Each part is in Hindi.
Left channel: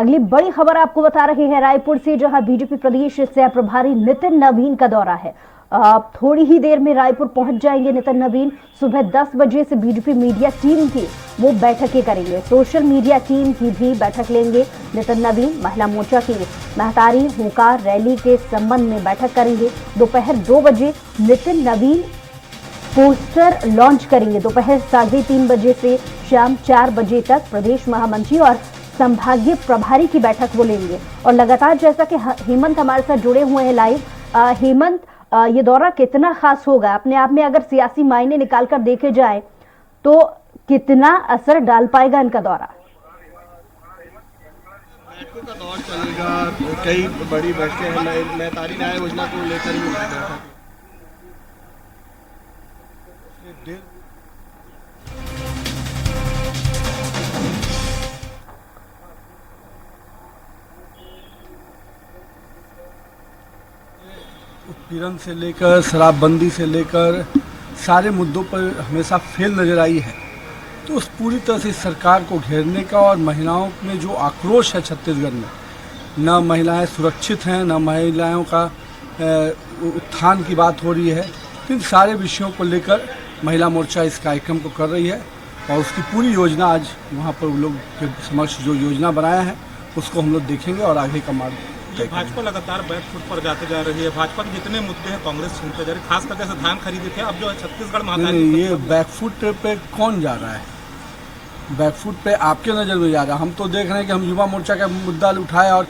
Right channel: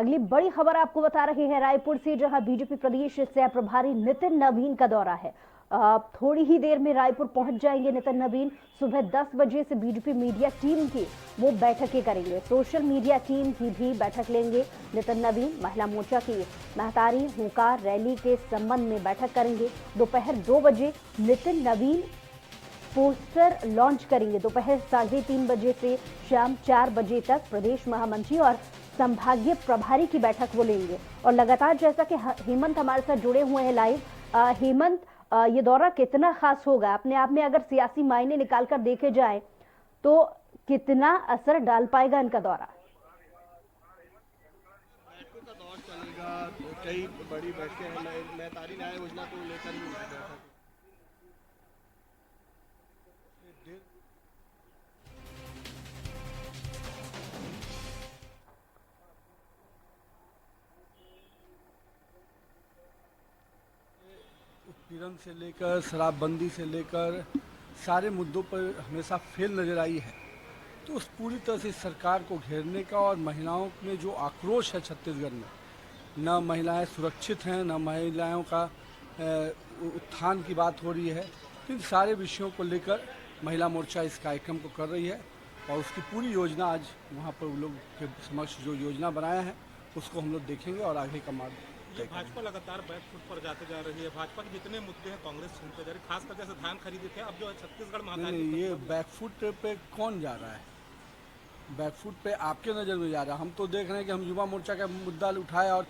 अगली बड़ी खबर आपको बता रहे हैं रायपुर से, जहां बीजेपी प्रदेश सह प्रभारी नितिन नवीन का दौरा है। थोड़ी ही देर में रायपुर पहुंच जाएंगे नितिन नवीन। सुबह 10 बजे से बीजेपी मीडिया टीम की वो बैठकें करेंगे, सोशल मीडिया टीम की भी बैठक लेंगे नितिन नवीन। महिला मोर्चा की महतारी हुंकार रैली के संबंध में बैठक करेंगे। दोपहर 2 बजे नितिन नवीन पोस्टर लॉन्च करेंगे। दोपहर 3:30 बजे से शाम 4 बजे तक प्रदेश महामंत्री और संभागीय प्रभारी की बैठक वो लेंगे। और लगातार जैसा कि हेमंत हमारे साथ जुड़े हुए हैं लाइव। हेमंत, ये दौरा कितना खास होगा अपने आप में, अगर सियासी मायने निकालकर देखे जाए तो कितना असर डाल पाएगा इनका दौरा? का दौर चलेगा, कई बड़ी बैठकें हैं, महतारी न्याय योजना को लेकर ही उत्पीड़न से लेकर शराबबंदी से लेकर सारे मुद्दों पर हमेशा फेल नजर आई है। तो उस पूरी तरह से सरकार को घेरने का और महिलाओं में जो आक्रोश है छत्तीसगढ़ में, न महिलाएं सुरक्षित हैं, न महिलाओं का उत्थान की बात हो रही है। इन सारे विषयों को लेकर महिला मोर्चा इस कार्यक्रम को कर रही है और उसकी पूरी योजना आज वहाँ पर लोग के समक्ष जो योजना बनाया है उसको हम लोग देखेंगे और आगे का मार्ग। भाजपा लगातार बैक फुट पर जाते जा रही है। भाजपा के जितने मुद्दे हैं कांग्रेस छीनते जा रही है, खास करके से धान खरीदी थे, अब जो है छत्तीसगढ़ में ये बैकफुट पे कौन जा रहा है? बैकफुट पे आपके नज़र में जा रहा है। हम तो देख रहे हैं कि हम युवा मोर्चा का मुद्दा उठाए और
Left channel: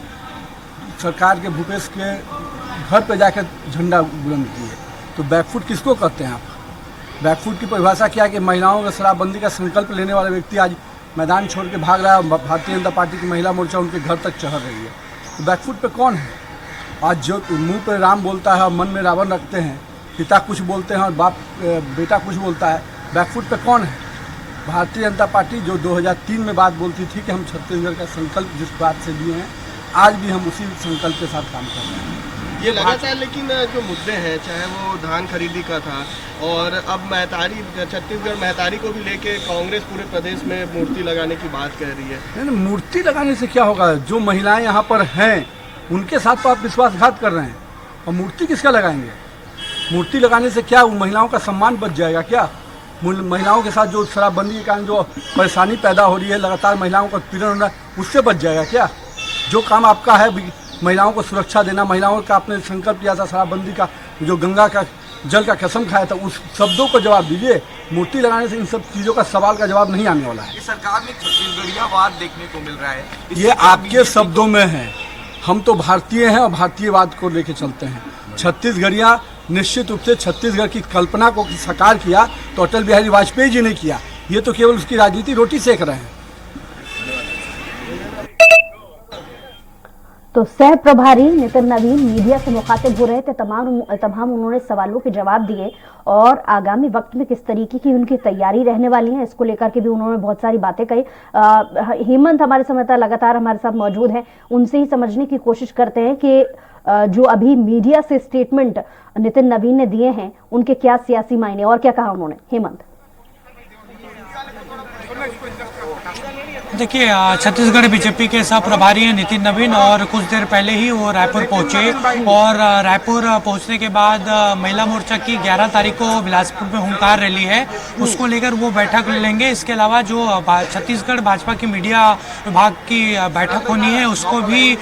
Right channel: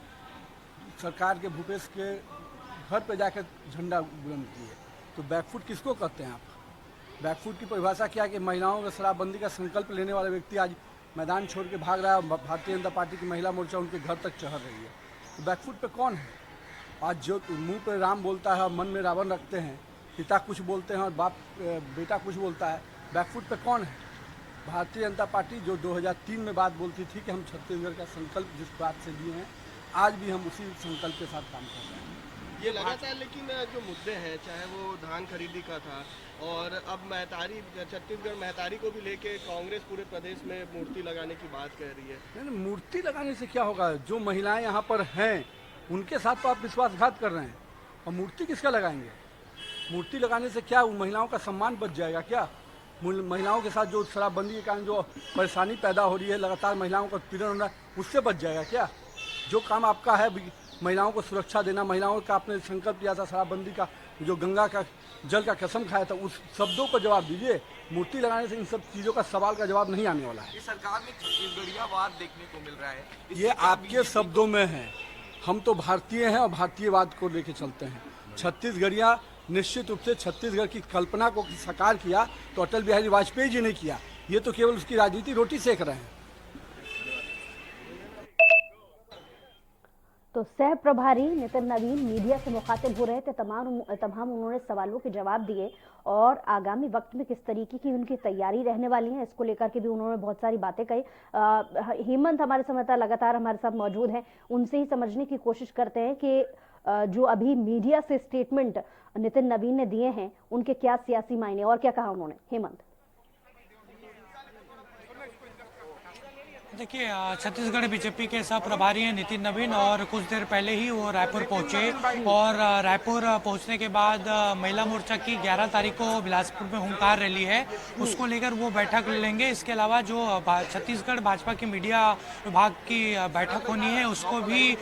सरकार के भूपेश के घर पे जाकर झंडा बुलंद किए। तो बैकफुट किसको कहते हैं आप? बैकफुट की परिभाषा क्या है कि महिलाओं का शराबबंदी का संकल्प लेने वाला व्यक्ति आज मैदान छोड़ के भाग रहा है और भारतीय जनता पार्टी की महिला मोर्चा उनके घर तक चढ़ रही है। तो बैकफुट पे कौन है? आज जो मुंह पे राम बोलता है और मन में रावण रखते हैं, पिता कुछ बोलते हैं और बाप बेटा कुछ बोलता है, बैकफुट पे कौन है? भारतीय जनता पार्टी जो 2003 में बात बोलती थी कि हम छत्तीसगढ़ का संकल्प जिस बात से लिए हैं, आज भी हम उसी संकल्प के साथ काम कर रहे हैं। ये लगातार, लेकिन जो मुद्दे हैं, चाहे वो धान खरीदी का था और अब महतारी, छत्तीसगढ़ महतारी को भी लेके कांग्रेस पूरे प्रदेश में मूर्ति लगाने की बात कह रही है। नहीं, मूर्ति लगाने से क्या होगा? जो महिलाएं यहाँ पर हैं उनके साथ तो आप विश्वासघात कर रहे हैं और मूर्ति किसका लगाएंगे? मूर्ति लगाने से क्या महिलाओं का सम्मान बच जाएगा क्या? महिलाओं के साथ जो शराबबंदी के कारण जो परेशानी पैदा हो रही है, लगातार महिलाओं का उत्पीड़न हो रहा है, उससे बच जाएगा क्या? जो काम आपका है महिलाओं को सुरक्षा देना, महिलाओं का आपने संकल्प लिया था शराबबंदी का, जो गंगा का जल का कसम खाया था, उस शब्दों को जवाब दीजिए। मूर्ति लगाने से इन सब चीज़ों का सवाल का जवाब नहीं आने वाला है। सरकार में छत्तीसगढ़ियावाद देखने को मिल रहा है, ये आपके शब्दों में है। हम तो भारतीय हैं और भारतीयवाद को लेके चलते हैं। छत्तीसगढ़िया निश्चित रूप से छत्तीसगढ़ की कल्पना को साकार किया तो अटल बिहारी वाजपेयी जी ने किया। ये तो केवल उसकी राजनीति रोटी सेक रहे हैं। तो सह प्रभारी नितिन नवीन मीडिया से मुखातिब हो रहे थे। तमाम उन्होंने सवालों के जवाब दिए और आगामी वक्त में किस तरीके की उनकी तैयारी रहने वाली है इसको लेकर के भी उन्होंने बहुत सारी बातें कही। हेमंत हमारे संवाददाता लगातार हमारे साथ मौजूद हैं, उनसे ही समझने की कोशिश करते हैं कि जो अभी मीडिया से स्टेटमेंट नितिन नवीन ने दिए हैं उनके क्या सियासी मायने और क्या कहा उन्होंने। हेमंत, देखिए, छत्तीसगढ़ बीजेपी के सह प्रभारी हैं नितिन नवीन और कुछ देर पहले ही वो रायपुर पहुंचे और रायपुर पहुंचने के बाद महिला मोर्चा की 11 तारीख को बिलासपुर में हुंकार रैली है, उसको लेकर वो बैठक लेंगे। इसके अलावा जो छत्तीसगढ़ भाजपा की मीडिया विभाग की बैठक होनी है उसको भी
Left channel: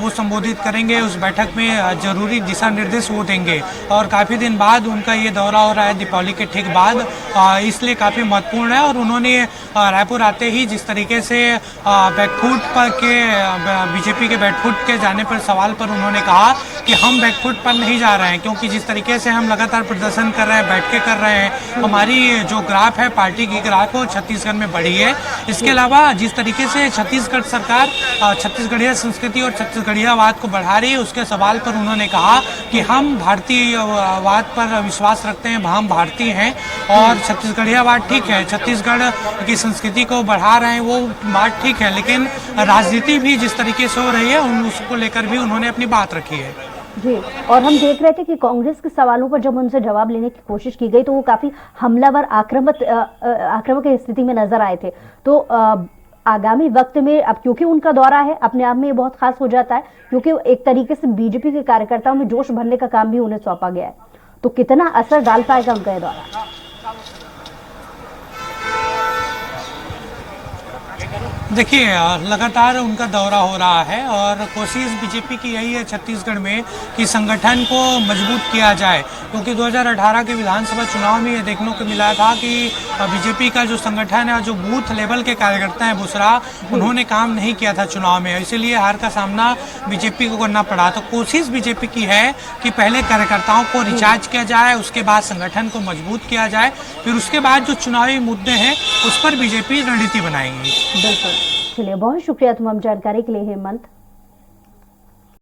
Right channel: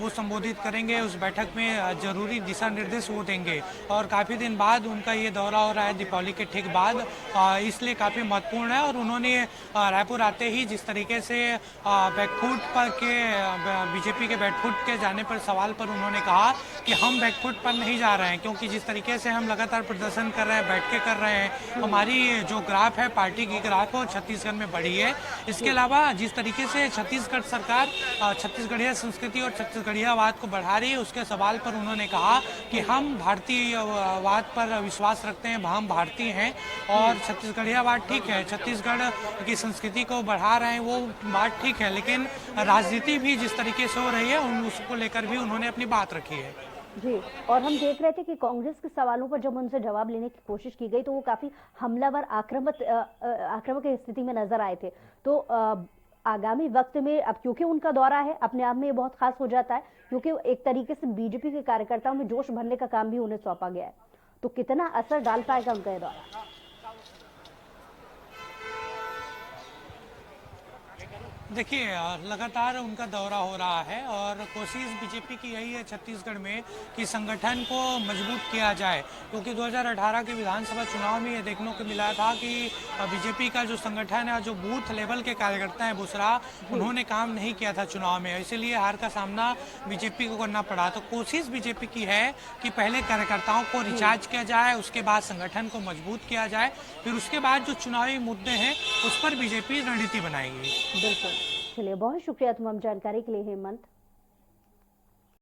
वो संबोधित करेंगे। उस बैठक में जरूरी दिशा निर्देश वो देंगे और काफ़ी दिन बाद उनका ये दौरा हो रहा है, दीपावली के ठीक बाद, इसलिए काफ़ी महत्वपूर्ण है। और उन्होंने रायपुर आते ही जिस तरीके से बैकफुट पर के बीजेपी के बैकफुट के जाने पर सवाल पर उन्होंने कहा कि हम बैकफुट पर नहीं जा रहे हैं, क्योंकि जिस तरीके से हम लगातार प्रदर्शन कर रहे हैं, बैठ के कर रहे हैं, हमारी जो ग्राफ है पार्टी की ग्राफ वो छत्तीसगढ़ में बढ़ी है। इसके अलावा जिस तरीके से छत्तीसगढ़ सरकार छत्तीसगढ़िया संस्कृति और छत्तीसगढ़ियावाद को बढ़ा रही है, उसके सवाल पर उन्होंने कहा कि हम भारतीयवाद पर विश्वास रखते हैं, हम भारतीय हैं और छत्तीसगढ़ियावाद ठीक है, छत्तीसगढ़ की संस्कृति को बढ़ा रहे हैं, वो बात ठीक है, लेकिन राजनीति भी जिस तरीके से हो रही है उसको लेकर भी उन्होंने अपनी बात रखी है। जी, और हम देख रहे थे कि कांग्रेस के सवालों पर जब उनसे जवाब लेने की कोशिश की गई तो वो काफी हमलावर आक्रामक स्थिति में नजर आए थे। तो आगामी वक्त में, अब क्योंकि उनका दौरा है अपने आप में ये बहुत खास हो जाता है, क्योंकि एक तरीके से बीजेपी के कार्यकर्ताओं में जोश भरने का काम भी उन्हें सौंपा गया है, तो कितना असर डाल पाएगा उनका ये दौरा? देखिए, लगातार उनका दौरा हो रहा है और कोशिश बीजेपी की यही है छत्तीसगढ़ में कि संगठन को मजबूत किया जाए, क्योंकि 2018 के विधानसभा चुनाव में ये देखने को मिला था कि बीजेपी का जो संगठन है और जो बूथ लेवल के कार्यकर्ता हैं बुसरा, उन्होंने काम नहीं किया था चुनाव में, इसीलिए हार का सामना बीजेपी को करना पड़ा। तो कोशिश बीजेपी की है कि पहले कार्यकर्ताओं को रिचार्ज किया जाए, उसके बाद संगठन को मजबूत किया जाए, फिर उसके बाद जो चुनावी मुद्दे हैं उस पर बीजेपी रणनीति बनाएगी। बिल्कुल, चलिए बहुत शुक्रिया तमाम जानकारी के लिए हेमंत।